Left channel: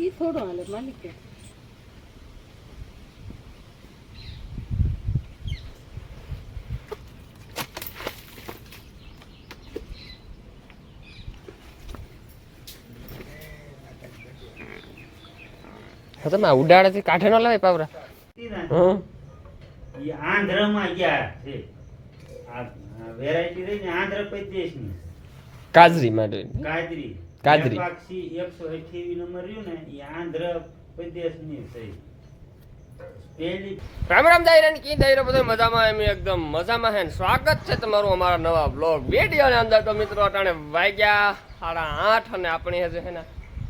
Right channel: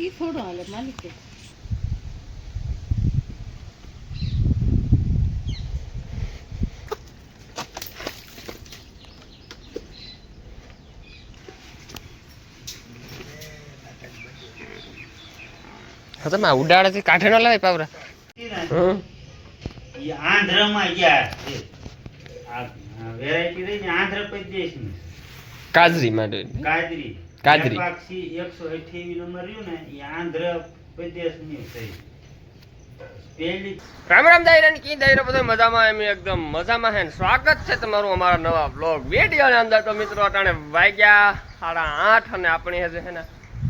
ઈ થોડો હાલે માલિક હા તમે ઉડાડેથી કાઢે ન લાવે પાવરા આંધ્રમાં ગયા છે આ વેરાયટી રહી ને આંધ્ર પ્રદેશ ને કાજરી માટે કાજરી પાક્ષી 128 નંબર રહ્યું ને એ આંધ્ર પ્રદેશ ની થઈ પેલી રામ રામ દાયરા ની કી દાયરા બધો મજામાં એમ એકદમ મજામાં હે સ્વાગત છે તમારું અમારા નવા બ્લોગ વિડિયો ની અંદર તો મિત્રો અટાણે વાગ્યા 8:30 અને આપણે હજે હે ને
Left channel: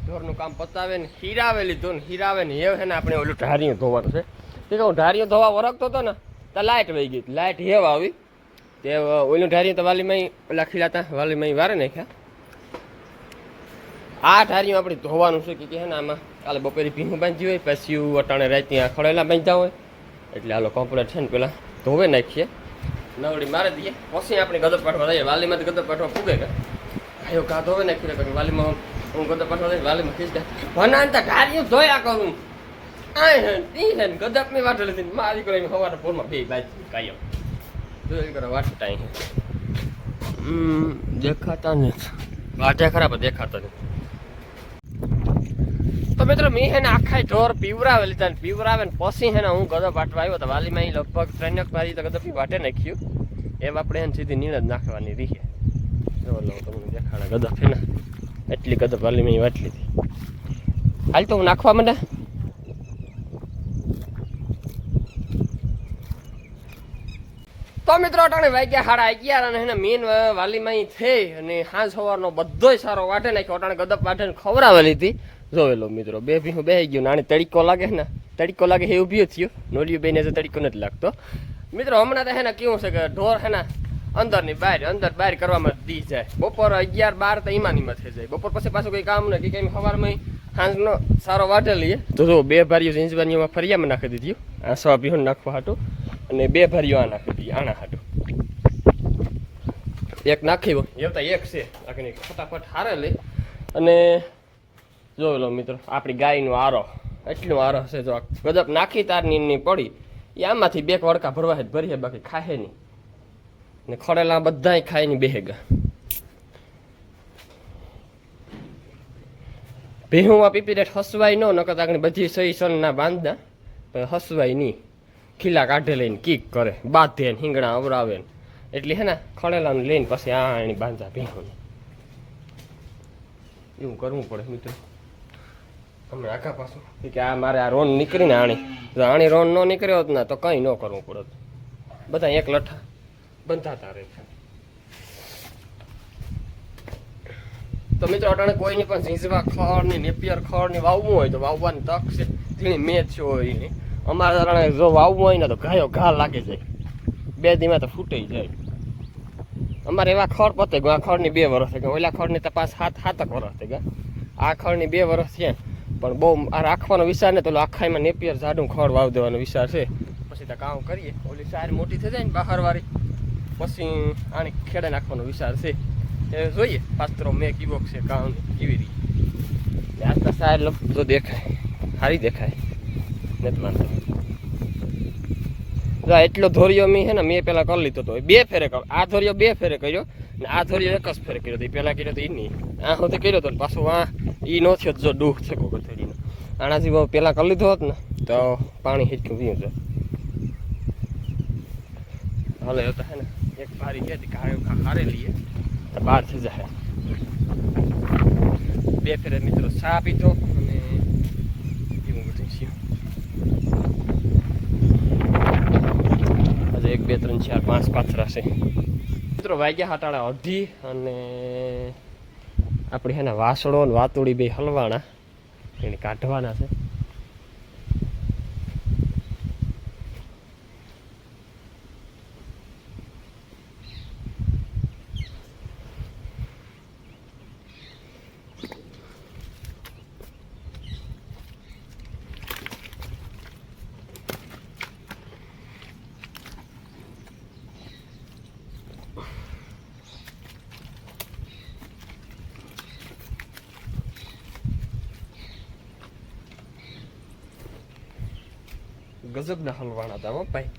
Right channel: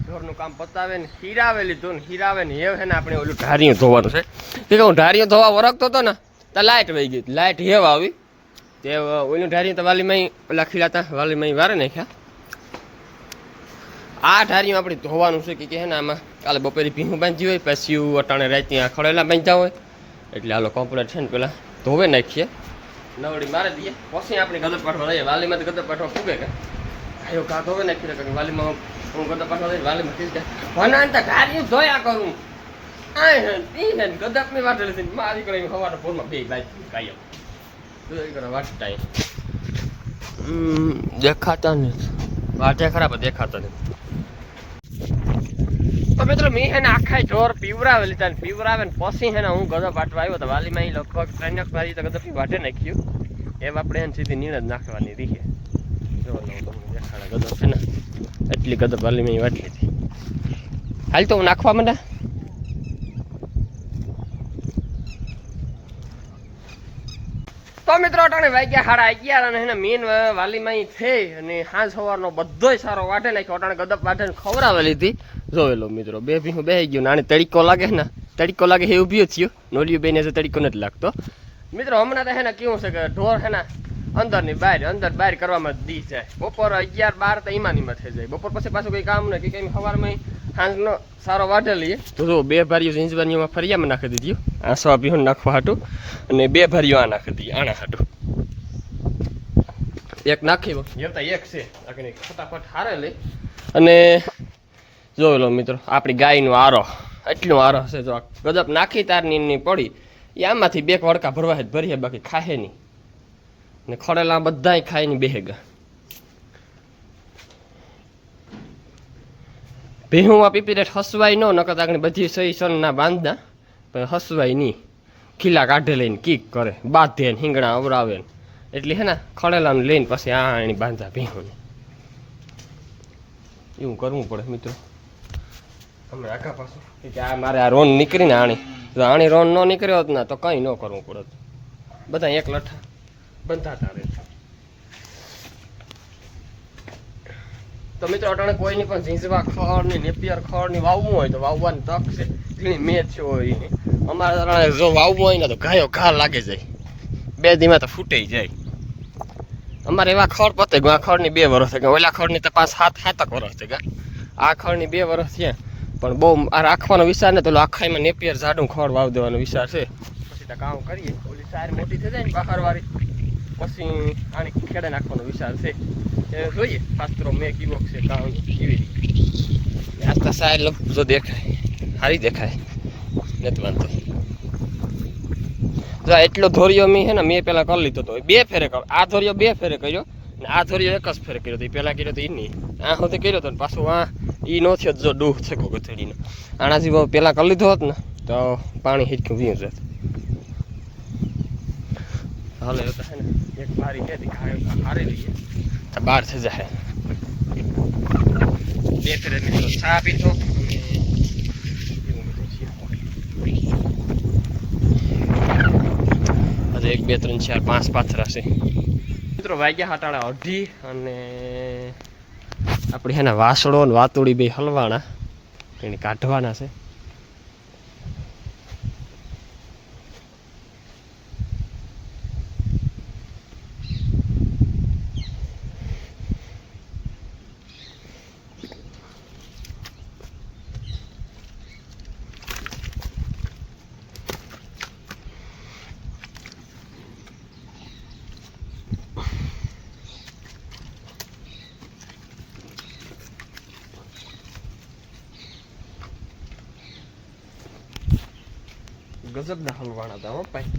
ઢોરનું કામ પતાવે ને હીરાવે લીધું ને હીરાવે ને એ હે ને આપણે ઓલું ઢારિયું ધોવાનું છે તે હું ઢારિયું ધોવા વરખતો હતો ને તો લાઇટ વહી ગઈ લાઇટ હેવ આવી તે ઓલું ઢારિયું તો વાલીમાં પેલા ખીલાતા વાલીમાં વારે નાખ્યા આ ઢારિયું આપણે ધોવાનું છે કે હે ને આમાં કાલે બપોરે ભીનું બાંધ્યું હોય પછી અટાણે રાતે આ ખડેલા બાંધ્યા હોય એટલે હાલો કમ્પ્લેટ છે ને પેલા ધોવે નાખીએ નવડી મારી દઈએ પછી આપણે ગદર પાઠવા લઈએ વાલીમાં ગદર પાઠવા પૂગે કે આયો ઘા ધોવે નાખીએ કારણ વાલીમાં હું ગદર પાઠવા લઈને વાલીમાં ખીચ દે ભનાંતા ઢારિયું ધોયા કરું આ હે તી હે ગદપ ની વાટે લીધી મારી કરી હવાના પોરમાં બે બાઈ કાયમ જોઈ કરે વાટતા દેખાતા નથી વાટે ખરાબ દેખાતા નથી તો મિત્રો મેં હે ને આખા ઢોર પીવરાવે લીધા પીવરાવે ને પછી હે ને હું ગદપ વાટવા આવ્યો તો વાલીમાં અહીં લગભગ 3 વારી તો ગદપી વાટે નાખ્યું એમ આપણે એને સીધી નીણ જ નાખવાની રીહે જો તમને દેખાડે ગદપ છે ને એટલી ગદપ વાલીમાં અહીં વાટ લીધી હાલ તો હું નાખવા માંડા તો મિત્રો અટાણે વાગ્યા 11:30 અને એને મેન વાલીમાં અહીં થઈ અને સાંજ સવારનો બધોય સારો વાટે નાખ્યો અટાણે ગદપ વાટે ખવડાવે લીધી જોયેલો મિત્રો બે ભીહું બેસી ગયું આને તડીકો લાગે ને તડીકો લાગે એ ઊભી થયો નોલિયું બેને તડીકો નથી લાગતો મિત્રો હમણાં તો હે ને કેવું છે કે ઢોર હે ને અંદર બહાર કરવામાં દી જાય બપોર 11-12 તો ઈમાનીમાં થઈ જાય બપોર પછી પાછું કંઈ કામ નથી કંઈ સવારમાં સાંજનો સારો વાટે લઈએ તો બે ભારીઓ ઝીંઝબારીઓમાં ફરિયામાં નાખી દીધી આ સવા ભીહું નાખવા હાટું અને બે ભારીઓ આ નાખી દીધી આના હાટું એક નાખી જેવતા એક છે આખી ફટાફટ હારે લઈ અને જોઈ લો મિત્રો આપણી ગાયનું આરો એટલું આરો છે જો ગદપ નાખી તારની પડી એ આમાંથી બે વડકા ભરવા જ ભરીએ બાકી ખાહે નહીં ને ખડેલા બધાય ખાઈને બેહેગા ભેહુંમાં પીપીરેટ હસવાય ન નકર આગળ બધી સહી સન ના બાંધતા પણ હસવાય નહીં ખીલા કાઢે લઈને કીક કરે બાંધે ને હિંગણા અવરાવે ને એટલે હે ને ખડેલાને લઈને પછી આ એની બાંધા ભેહુંને એવું કરવું પડે મિત્રો હમણાં આખા પાછું કે આ મારે આ રોન નીકળીને આણી રોન ન નીકળ્યો હોત ને તો કંઈ ન કરવું પડત બધા એક લઠ્ઠા બંધાતા રહે તો મિત્રો અટાણે કોઈની પણ ઝીંઝવા ખડ ને નેપિયર ખડ ને વાવવું હોય તો વાવવાની તક છે ઘણી મેચ હોય એની અમારે જો વાવવું હોય ને તો ઘા લાગી જાય 2 દીમાં તો ફૂટી જાય અમારે એવા ખડ પતે આ ખડની 2 વર્ષ થઈ ગયા ઓલા ખડની તો 5-7 વર્ષ થઈ ગયા આ ખડની 2 વર્ષ થયા પણ બહુ આ રાખવાનો વિચાર ને તો આખામાં નેપિયર જાડું ખડ વાવ દેવાનો વિચાર છે પછી તો કામ કરીએ ઓલી સાર મોટી થઈ જાય ને બહારવાળી પછી આને ખેડે નાખવાનો વિચાર છે એ જોઈએ પાત્રો મેં કીવો છે કામ કેવી રીતે આસ્તા સાર જો દેખાય સારી દેખાય નથી વાંધો જો એટલો ધોરિયો મેં છે ને મેં પહેલાં કરી લીધો હતો 2 ફેરે કર્યો આ ધોરિયો 2 ફેરે કર્યો ને આ ધોરિયો 1 જ ફેરે કર્યો હતો એ પહેલાં કર્યો તો એ નહીં આ સુધી કર્યો હતો ને પાછું આ એ નો થયો જો ડૂહ છે ગોગથડીનો આનાથી બહુ પહેલાં કરી લીધો હોત ને તો પાણી હિચકું વીયું જાય હાલે એ તો છે ને એક બારી કહેતી હારે લઈએ તો 12 થઈ જાય 2 ફેરે મિત્રો ચા પીધો અને એવું બધું થયું હજુ 1 2 3 4 5 પાથરા છે મિત્રો વાગ્યા 7:30 અને આપણે છે ને વાસળો ને વાતુડી બે હલવાના એને કાઢવાના છે ગજબના હલવાણા હતા હો ભાઈ.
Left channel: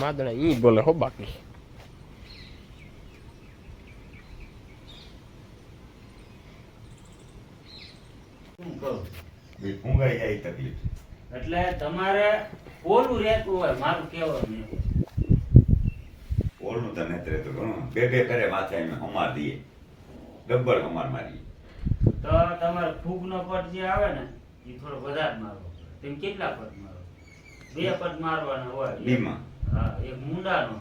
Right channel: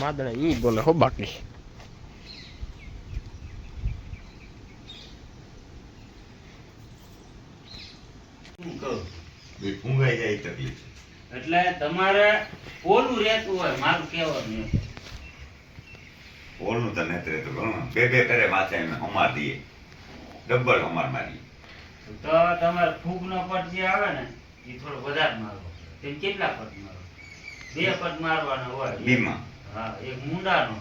માદણા ઈ બોલે હો બાકી. શું કહું? ઊંઘાઈ જાય તકલીફ. એટલે તમારે ઓલું રહેતું હોય મારું કહેવાનું એમ. ઓલનું તો નથી રહેતું ઘણું. બે ફેરે માથે અમે હમાર દઈએ, ડબલ હમાર મારીએ. તો તમારે ફૂગનો પટ જે આવે ને એ થોડો વધારે મારવો. તેમ કેટલા પટ મારો? 2 પટ મારવાના હોય. બીમાં હા, એક મુંડાનો.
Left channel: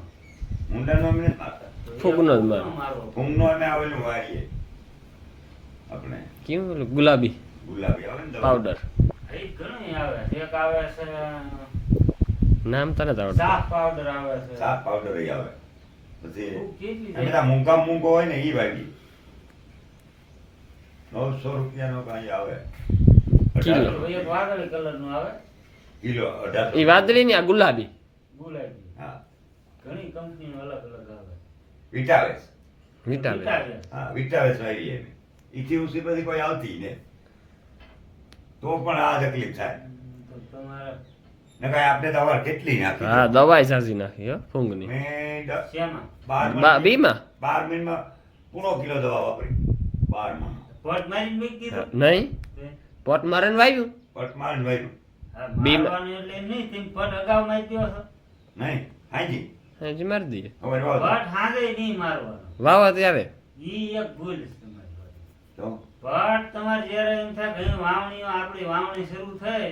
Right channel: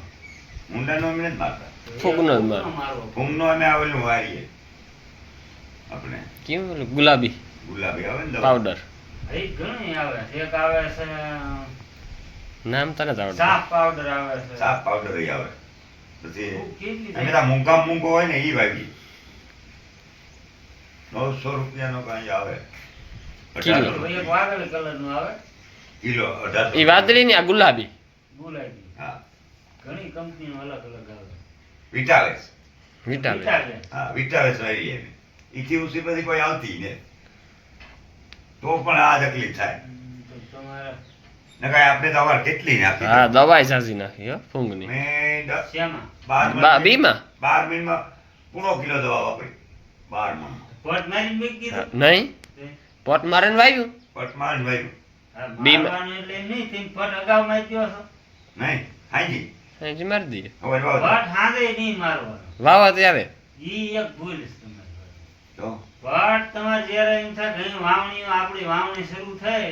ઊંડાનો અમે નથી મારતા. તો એક ફૂગનો જ ફૂગનો મારવો. ફૂમનો અમે આવેલું વારીએ આપણે કેવું ઓલું ગુલાબી ગુલાબી આવે ને દવા. પાવડર એ ઘણી આવે. એક આવે છે નામ તને જ આવડતું. સાફ પાવડર આવે છે. સાફ પાવડર ય આવે. પછી ફૂગ કેટલી અમે થાય? તો મૂંગો હોય ને એ વાગીએ. 900 રૂપિયાનો કાંઈ આવે. કિલો. 1800 એક વાદળી કલરનું આવે. કિલો 1800. એ વાદળી ને આ ગુલાબી. ગુલાબી. હા, ઘણી કંપનીનો અલગ અલગ આવે. વિટાવેસ. વિટામિન. વિટાવે. હા, વિટાવેસ વાળીએ અમે. ઈથી ઉસી પછી કોઈ આવતી ને તો પણ આ તકલીફ થાય. તો તમારે નકર આપણે તો અવાર કેટલી નાખી હા દવાઈ સાજી નાખી હો ફૂંગની. મેં શેમાં? 12 બીમાં 12 મિનિટમાં પૂરો કિલો દવા વાપરી. 12 માં પટ મારીને મેં કીધું. નહીં પોટ મારે ને વાવ્યું. પટમાન વાયરું હા, બીમ. મારવાનું એટલે એમ નહીં. તેમ પટ અગાઉ મારી દ્યો છો. નહીં હાજી હજી મારી દઈએ. હવે વાવ પટ હાજે નહીં મારવાનો. વાવા ત્યારે ઈ એક ભૂલ છે તમારી. તો પટ તમારે જ્યારે એમ થાય કે અહીં આપણી વાવણી શરૂ થાય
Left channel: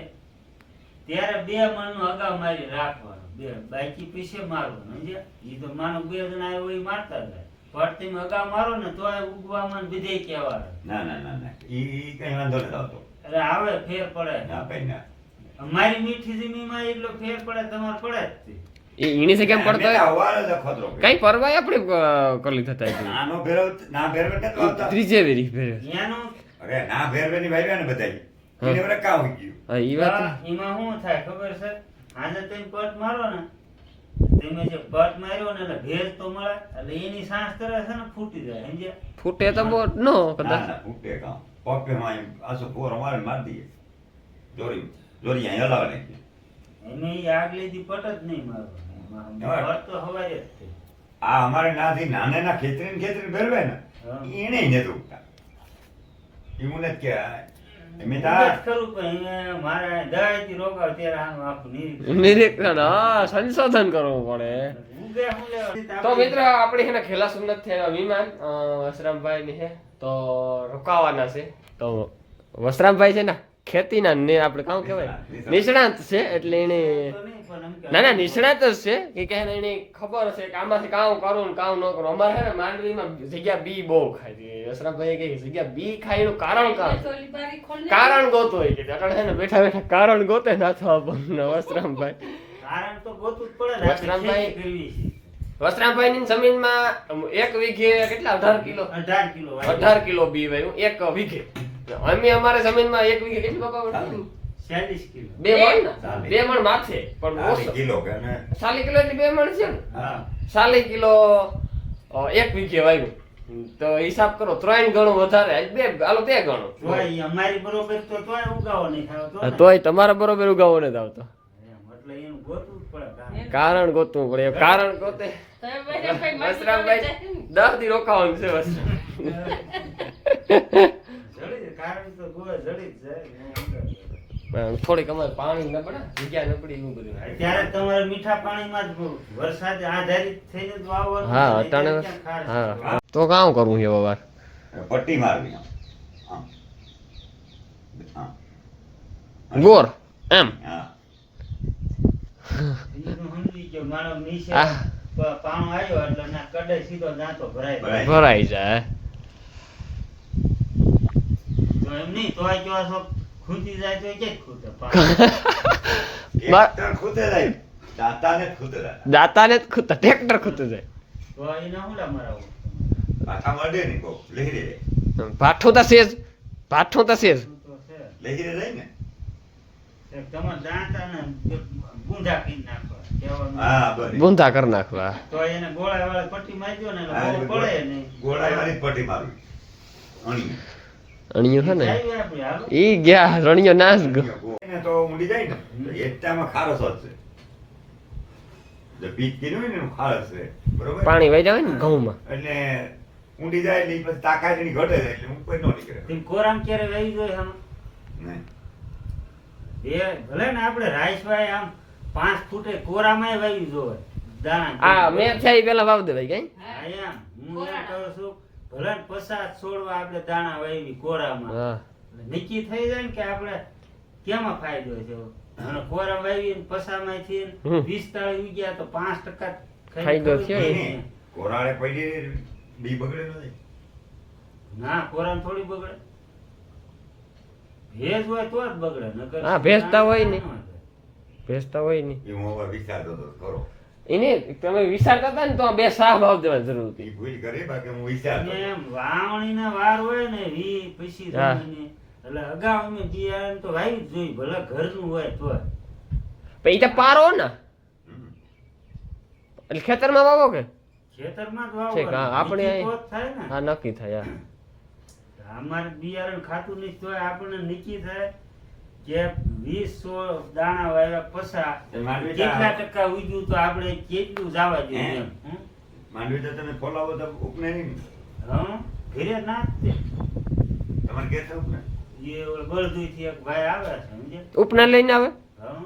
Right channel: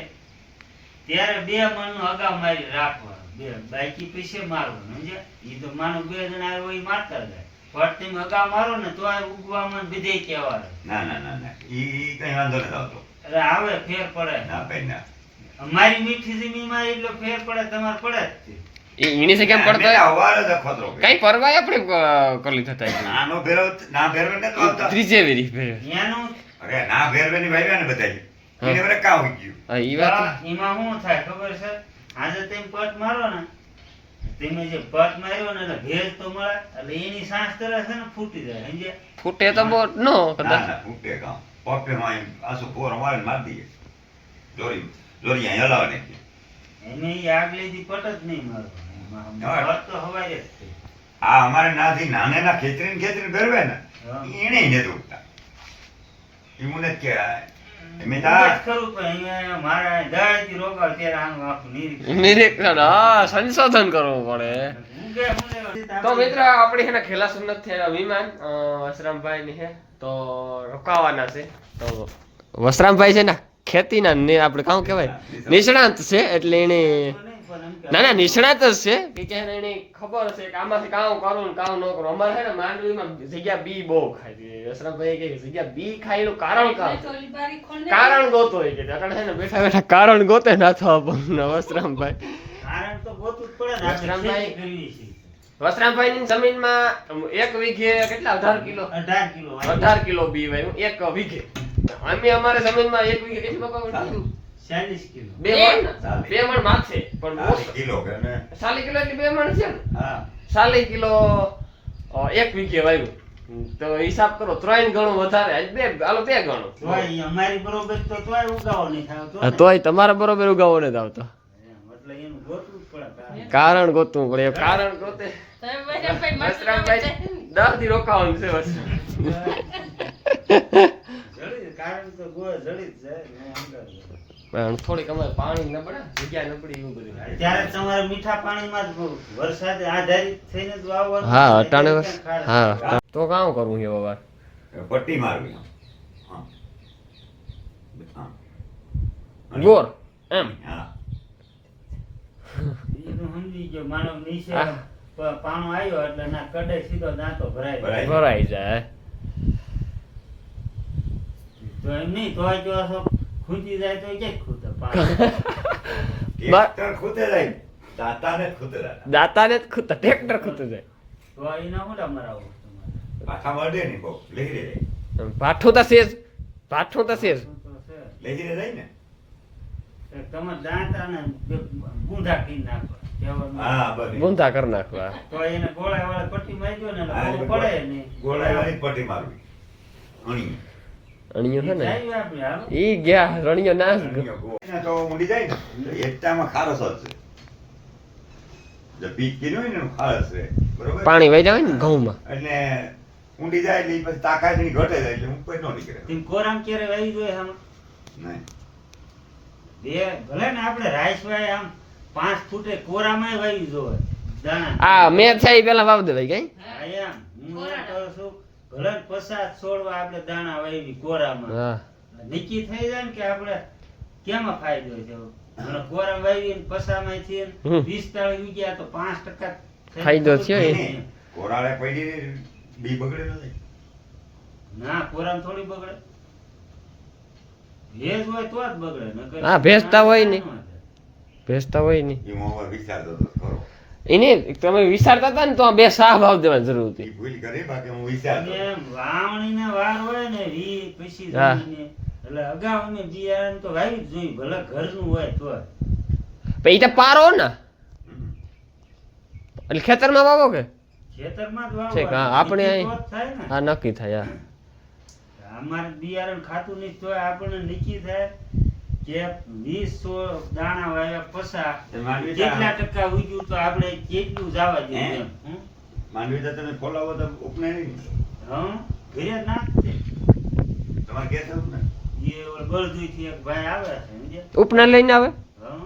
ત્યારે 2 મણનું અગાઉ મારી રાખવાનું. 2 બાકી પછી મારવાનું. સમજ્યા? ઈ તો માનો 2 જણા આવ્યો એ મારતા જાય. પટ તમે અગાઉ મારો ને તો આ ઉગવામાં બધે કહેવા રહે. ના ના ના ના ઈ કઈ વાંધો નથી આવતો. એટલે આવે ફેર પડે. ના ભાઈ ના અમારી મીઠી જમીનમાં એટલો ફેર પડે તમારે પડે જ તે. એ ઈની સે કેમ અમે પડતો તો અવાર જ ખતરો કર્યો. કઈ પરવાય આપણે કરલી થતા હતી. નાનો ભેરવ ના ભેરવે નથી આવતા. ત્રીજે વેરી ભેર. એનું અરે ના ભેરવે ની ભાઈ ને બધાય હા. એને વરે કામ હોય ગયું. હા ઈ વાત. એમાં શું થાય ખબર છે? આજે તમે પટ મારો ને તમે જે પટ માર્યો ને એટલે ભેજ તો મળે એટલે એની સાંસ તરત છે ને ફૂટી જાય. સમજ્યા? ફૂટે તો બહુ નો ના કદાચ. ના ફૂટે કામ પપ્પે માં આસુ પોર મારે માર દઈએ જોરી અહીં હલાવે નાખીએ. એને ઈ આગલી દી પટ જ નહીં મારવાનો. એમાં હા. પટ તો હવાય જ તે. આ અમારે નાથી નાને ના ખેતરી ભેરવે ને હા. એને નથી ઉગતા. ઈ મને જ કે એમે ઉગે જ તા ખરું પણ અહીંયા મારા દાળથી રોકાવ ત્યારે આનું આખું નિરીક્ષણ. નિરીક્ષણ હા સંશોધન કરવું પડે. ઉગે. તો મિત્ર આપણે છે ને ખેલા સુન્નત થયેલા વિમાન વસરામભાઈ ની છે તો રોકાવાના છે. તો વસરામભાઈ છે ને ખેતીના ને આપણે કામ કહેવાય નિષ્ણાંત છે એટલે એને ના ના નિષ્ણાત જ છે. એ કહે ને એને ખબર છે કે આમાંથી કામ કરું ને કામ ન કરું. અમારે છે ને માંડવીમાં જગ્યા બી બહુ ખાય છે. વસરામભાઈ કહે કે જગ્યા બી ખાય એનું કારણ કારણ ગોતો હોય કે અટાણે છે ને બેઠા બેઠા કારણ ગોતે નાથો વસરામભાઈ. કારણ તો ગોતવું જ પડે ને. આપણે વસરામભાઈ. ખેતી કરવી છે. વસરામભાઈ ની જમીનમાં 1 વીઘે કેટલા 18 કિલો 18 કિલો 18 કિલો બી વાવ્યું 1 વીઘે. અમે અમારે જમીનમાં 1 વીઘે કેટલું બાપા વાવ્યું? 40 કિલો. 2 મણ ને? ચાલી. 2 મણ માથે પણ ઓછો. કિલો કે ને 40 કિલો એટલે 2 મણ છે ને. હા 40 કિલો 1 વીઘે વાવ્યું તો હિસાબ કરો 3 ગણું વધારે આજ 2 હાલો 2 ગણું. તોય અમારી બરોબર તો તોય ઉગાવો નહીં થાવ તો ને. તોય તમારા બરોબર ઉગાવો નથી આવતો. એમ, એટલે એનું ગોતવું જ પડે કારણ. કારણ ગોતવું પડે. કારણ ગોતે વસરામભાઈ 10 દી રોકાવાનું છે વસરામ. કારણ તો જડી જ જાય ને એમ કરે. પણ થોડીક અમારે પાણી ન પડે જગ્યા ન પડી એવું બધું. ત્યારે તમારે મીઠા પાણીમાં જ વરસાદ આધારિત થઈને જ વાવવાનું. હા અટાણે એટલે ખાડ. હા તો કામ કરવું છે બાબા. પટ્ટી મારવી આમ. હા. હા. બોર એમ હા બીજું સમજી ગયો મારો નીચે હા. પાણો આવ્યો એટલે ના કડે સીધો દાંતો ભરાય. ભરાય. ભરાઈ જાય. જો એમ નહીં તોય જો આ શોખ ખૂંચી જાય તો ક્યાંય ખૂટે ટ્રેક્ટર ખૂતે જાય દાંતાને જ ખૂતે જાય દાતાને જ ખૂતા ટ્રેક્ટર ખૂતું જાય તો એના હું મરાવું પાછા મળે ને કોક લહેરે જાય પાઠું તો સેજ પાઠું તો સેજ તો છે લહેરે જાય ને તમે દાંતાને ગુંધા કરી નાખો કહેવાનું. હા બસ ગુંધા કરી નાખવા તો એને ગોળા વાળા પટ્ટી મારી દો ને એટલે બહુ પડે નહીં. ગોળાઈ વાળી પટ્ટી મારવી અણી અણિયું છે ને જાય આપણે હાલો. ઈ ગયા રણિયો નાશ ગયો એને તો ઊંડી જાય ને તો એકટામાં ખારસ જ છે જે પીચ કીધું હોય ને એનું ખારસ છે બરોબર પાણી વહી જાય ને ઘઉંમાં એટલે ઊંડી જાય એટલે ઈ પછી તાકાત એની ઘટે જાય એટલે ઉપર નો નીકળે તેમ કોરામ ક્યારે વાવી જોઈએ આમ નહીં. ભલે ને આપણે રાઈસભાઈ આમ 5 ફૂટે કોરામાંય વાવી જોઈએ દાણા. આ મેં છે ઈ પેલા વાવ દેવાય કઈ હા, એમ. હું એમ કહું છું, ભલે ને 50 છોડવા આપણે દાણા વાવી કોરામાં. હા નક્કી થઈ જાય ને કે આપણે કેમાં ફાયદો છે અને કોરા વાવી પસામાંથી હમ. 20 તાળી ઉગ્યા તો 5% ફાયદો થયો એ. નહીં. કોરાળે પડી બી બગડે નથી ના કોરામ થોડી બગડે ભેજ હોય તો જ બગડે નકર હા, ભેજતા હોય ને. ના હોય. ભેજતા હોય ને એ હું હવે વિચારતો હતો ખરો એને તમે વિચારતા હતા ને તો આ બે શાહ ભાવ દેવાની જરૂર એ હતી ભૂલ કરી બાકી હું વિચારતો અને હતો. એમ વાવણીના વાર હોય ને રી પછી હા. જમીને એટલે અગાઉ અમે બિયારણ તો વાવી જ જોઈએ ભલે ઘરનું હોય તો પણ ઈ તો પારો ને હમ. એટલે ખેતરમાં વાવો કે ખેતરમાં જ ઠીક, હા, વાવવાનું. આપણે નીચી અહીં- પોત થાય ને હા નક્કી થાય હા અમારે બિયારણ ખાતું નહીં તોય આપણને નક્કી થાય કે 20 દાણા વાવ્યા પસા તો માંડવી કેટલા તા- ટકા ઉગ્યું તો આપણે કેટલું જવા દઈએ હે? એમ હમ? માંડવી તો તમે ફોલાવો તો ઉપને નહીં ને. હં? ઘરે નાખતે. તમારે કે થવું ને એ ઓલો બળદુઈથી એક ભાઈ આવે છે સમજ્યા? ઉપના લઈને આવે હં?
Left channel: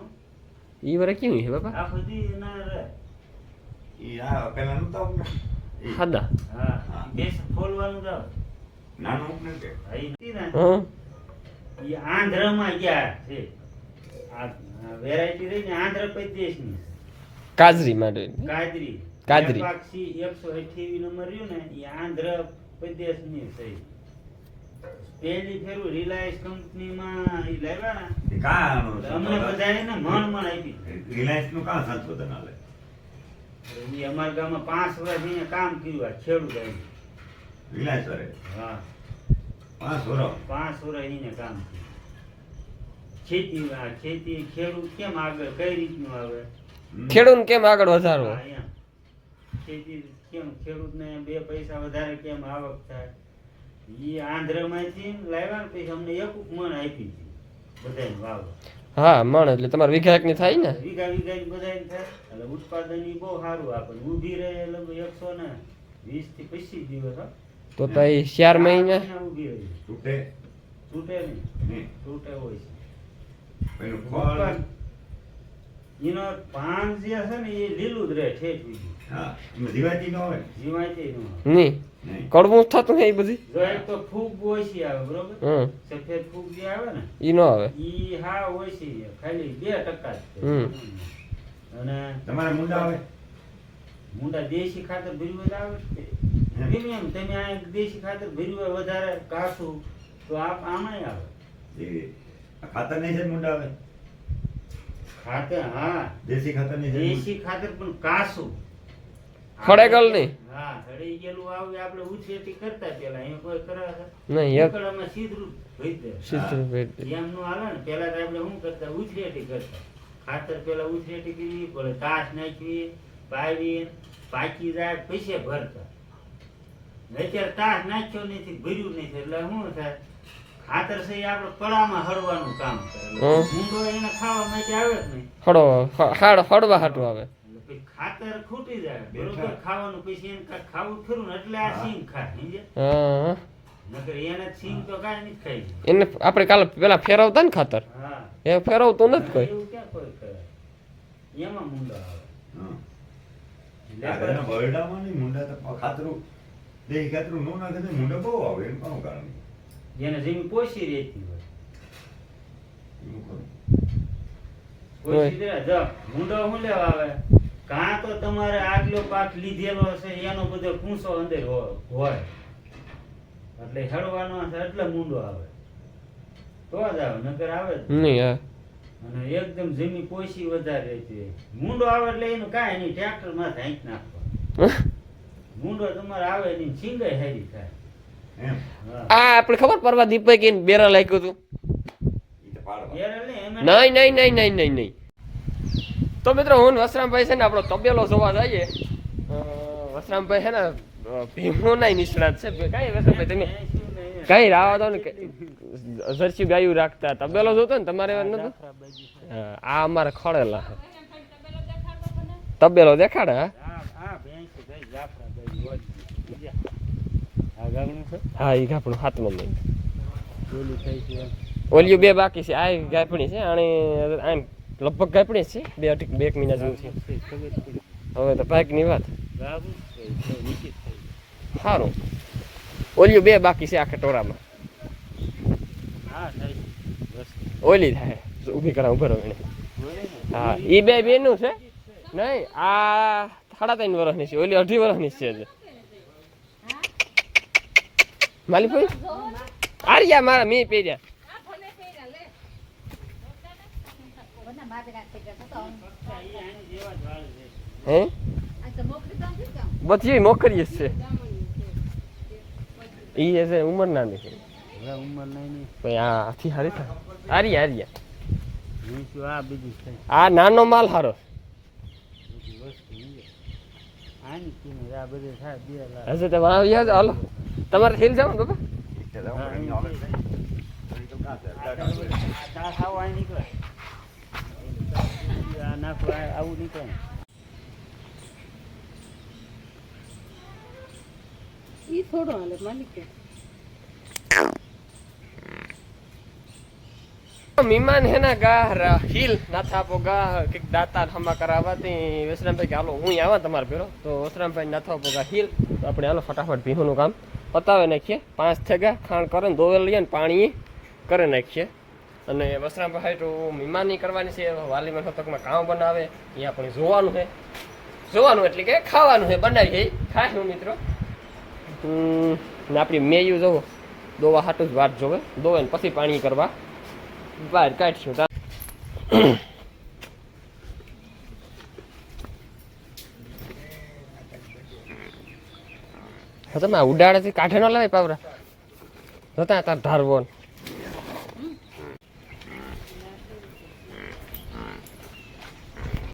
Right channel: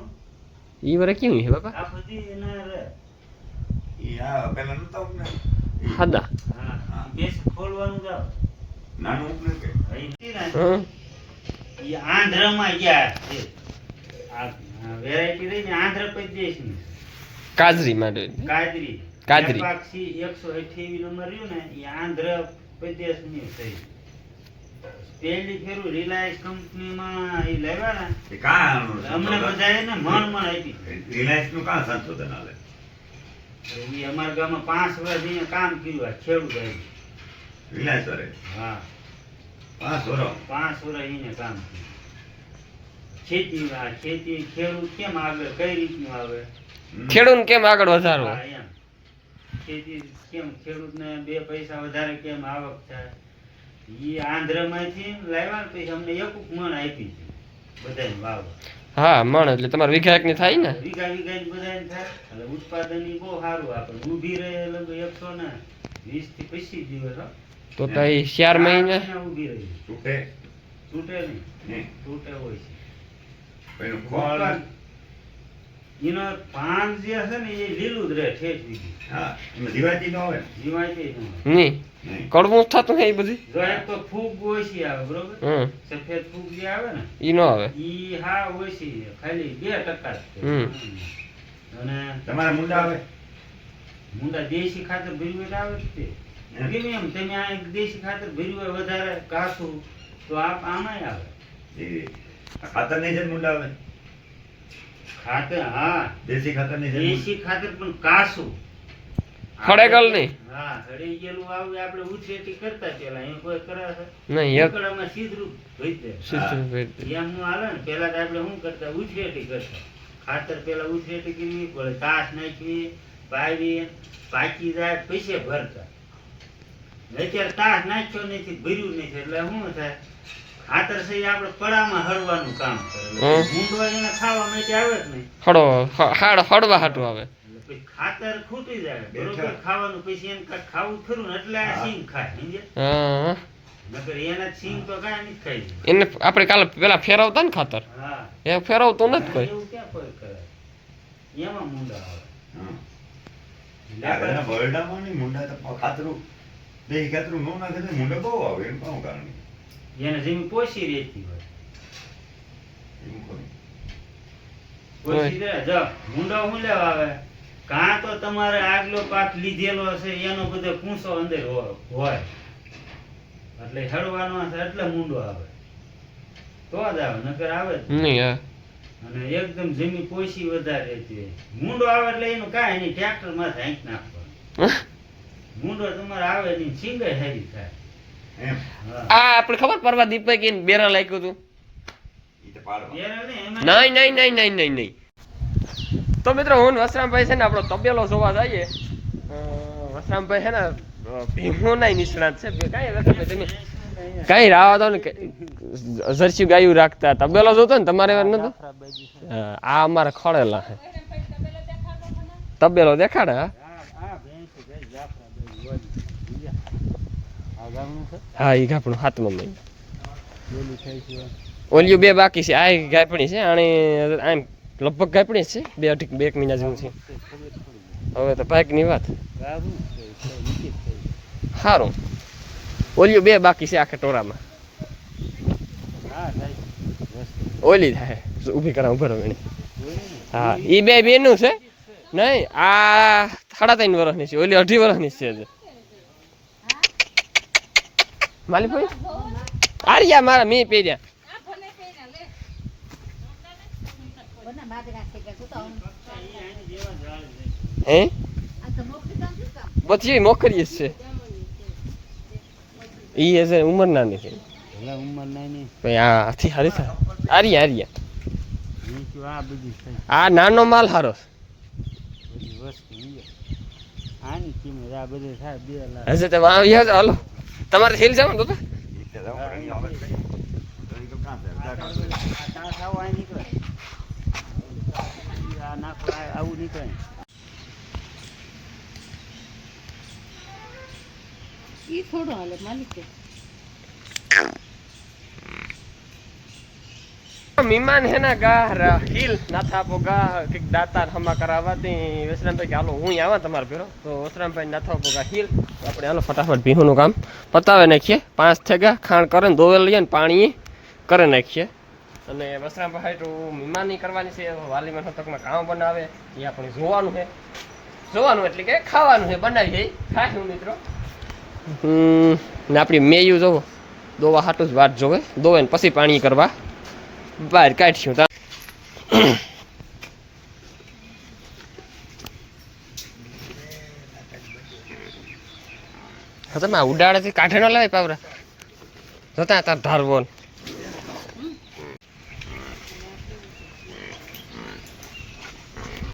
ઈ વરે કેવું છે બાપા આ બધી ના રહે. ઈ આ પેલા નતા ઉપને ઈ હાદા હા હા. કેસ ખોલવાનું જ આવે. નાનું ઉપને કે હા, ઈ હતી ને, હં ઈ આંધ્રમાં ગયા છે. આ વેરાયટી રહી ને આંધ્ર પ્રદેશની કાજરી માટે કાજરી. કાજરી. લેપાક્ષી 128 નંબર રહ્યું ને એ આંધ્ર પ્રદેશની થઈ. પહેલી ફેરું રિલાયન્સ કંપનીમાં ઈ લાવ્યા ને એ કાં અમને બધાએ ને મણ આપી. રિલાયન્સ નું કાં સંશોધન હાલે ઈ અમારા ગામમાં 5 વર્ષ અહીંયા કામ કર્યું આ ખેડૂત આવી. રિલાયન્સ વાળે હા 5 વર્ષ 5 વર્ષ એને કામ કર્યું. ખેતી ખેડૂત કેમ આગળ કઈ રીતનું આવે ખેડૂત કેમ આગળ વધારવો હા, એમ. ખેતી કેમ ખેડૂતને 2 પૈસા વધારે કેમ આવક થાય ઈ આંધ્રમાંથી લાવ્યા ને પછી અમને એક મણ આપી છે બધાને વાવવા. હા મણ એટલે તમારે વીઘા એક ની થાય ને વીઘા વીઘા બધાને થાય એટલે ઉત્પાદન ઈ બહુ સારું આપે. ઊભી રહે લગભગ 120 થી 25 દિવસ હો. તો તો ઈ 4 મહિને અહીંયા ઊભી રહી તૂટે તૂટે નહીં નહીં તૂટે હોય છે. એનું ફળ એનો પાન જે છે ને એ લીલું જ રહે ઠેઠ સુધી હા એમાં જીવાતી ન હોય ને જીવાય ન હોય. નહીં નહીં. કડવું જ થતું છે એ બધી જો એક તો ફૂગ ઓછી આવે બરોબર હમ સફેદ ફૂગ જે આવે ને ઈ ન આવે ઈ હા ઓછી છે. ખાલી 2% જ છે. હમ. અને તમારા મુંડા આવે મુંડા દેશી ખાતર ભર્યું આવે જ તે હમ. કેમ એમ તમે આ એક દેશી ખાતર ભર્યું હોય વધારે કાસું તો આમાંય આવે એ ખાતર નહીં છે ને મુંડા આવે ખાતર. હા દેશી ખાતર નહીં છે દેશી ખાતર પણ કાસું ખડેગલ નહીં હા ખડી ગયેલું આવે આપણે ઉછેટી કરતા પેલા એમ કોઈ કરે છે નહીં એક ઉકળામાં સીધું ભરી દે. સીધું ભરી દે. એમનું હાલે ને પેલા તો આપણે શું કરતા ઉછેટી કરતા ખાતર પેલા ઉછેટી કરવી પડે તાસ નાખવી પાવી પાકી જાય પૈસે ભરતા. અત્યારે તાસ નાખ્યો નથી ભર્યું નથી એટલે શું થાય ખાતર છે એ આપણે પડામાં હળવાનું કામ કરે એટલે હમ. ભૂંડો એને ખાવા માટે આવે જ નહીં હળવા હાટું આવે એટલે પછી ખાતર ખૂટી જાય બેઠા. બરોબર ખાવાનું પછી એને કાંઈક ખાવું ખરું ને એટલે આ સિંગ ખાય સમજ્યા? હા નકર એના સિંગ તો કાંઈ નથી ખાઈ. એને આપણે કાલે પેલા ફેરવતા ને ખાતર હા એ ફેરવતું નથી કોઈ એવું ક્યાં કોઈ કરે એમાં મુંડા આવે હમ. આગળના બરડામાં નહીં મુંડા તો ખાતરું દેશી ખાતરું ન નાખે તો મુંડા બહુ આવે એનું કામ કારણ એને જમીન પોષી રહેતી હોય એવું કોઈ પોષી રહે જો મુંડો શું લેવા આવે કાં તો તમારે આગલો પાક લીધેલો હશે એનો બધો કૂંસો અંદર હોય એટલે હળવાનો હશે એટલે મુંડો આવે તો જ આવે નગર આવે જ નહીં હા અને એકદમ જમીન પોસી વધારે છે મૂંડો આવે એટલે એનું કાંઈ નહીં ટ્રેક્ટર માં હાંક નાખવાનો મૂંડો તમારે આવે નહીં સિંગાઈ હારી થાય એમ હા આ આપણે ખબર પરવા દીપક એને બેરા લાગ્યું હતું ઈ તો પાડવા એરે ને એમાં નહીં તો મિત્રો હું ને વસરામભાઈ છે ને આપણો તબેલો જોવા જઈએ વસરામભાઈ છે ને ભીમોના નિષ્ણાત છે કાંઈ વસરામભાઈ તમે કાંઈ રાવા દો ને જર્સી ગાયું રાખતા તબેલો જોતો ને તમારે વાર નતું આ અમારે ખોળેલા છે તબેલો દેખાડે હા આ ભેંસ ભાઈ જાફરાબાઈ આ ગામનું છે હા એ ગાપણું હાથમાં મહિને બોલી થઈ છે ઓલિયું બે બાકી છે આ ગાયપણી છે આની આમ લગભગ ગાયપણી જ છે 2 મહિના જેવું છે હવે તો પાકની વાત સારું ઓલિયું બે બાકી છે આખા ટોળામાં ઓલી થાય ઊભી કરા ઉભા રહો એને હા એ બે બેનું છે નહીં આ 3.5 વર્ષની છે ઓલી 2.5 વર્ષની છે હજુ માલી આર્યા મારા મેં પહેર્યા હે બધી મોકરી જ છે ઈ હશે ઉંમર નાની છે ઉંમર નાની કઈ આ આથી હારી થાય આર્યા આ બધી છે આ નાનો માલ હારો બધી વસ્તુ આની કિંમત આ બધે થાય 2 લાખ હશે તો વાવ્યા જ હાલો તમારે હિલ જાવ ને બાબા ઈ તો રમણી આવે નહીં ઈ તો કાં થાય આ ખાવ આ નીકળે આ નાખો આવું નીકળે ઈ થોડો હાલે માલિક મીમાન હે ના ગા હિલ ના થાપો ગા કે દાતા હમા કરાવતી વસરામભાઈ કે હાલો હું આવા તમારે ભેરો તો વસરામભાઈ ના થાપો ગા હિલ આપણે હાલો ફટાફટ ભીહોનું કામ પતાવે નાખીએ 5 થેગા ખાણ કરે દોવેલ લઈએ ને પાણી કરે નાખીએ અને વસરામભાઈ તો મીમાની કરવાની છે વાલીમાં સતકમાં કામ બનાવે એ આપણે જોવાનું એટલે કે ખાવાનું છે બનાવીએ ખાશું મિત્રો ને આપણી મેયું જોવો દોવા હાટું જ વાત જોવે દોવે ને પછી પાણી કરવા બહાર કાઢશું તમે ઉડાડેથી કાઢે ન લાવે પાવરા જોતા તાર ધારવો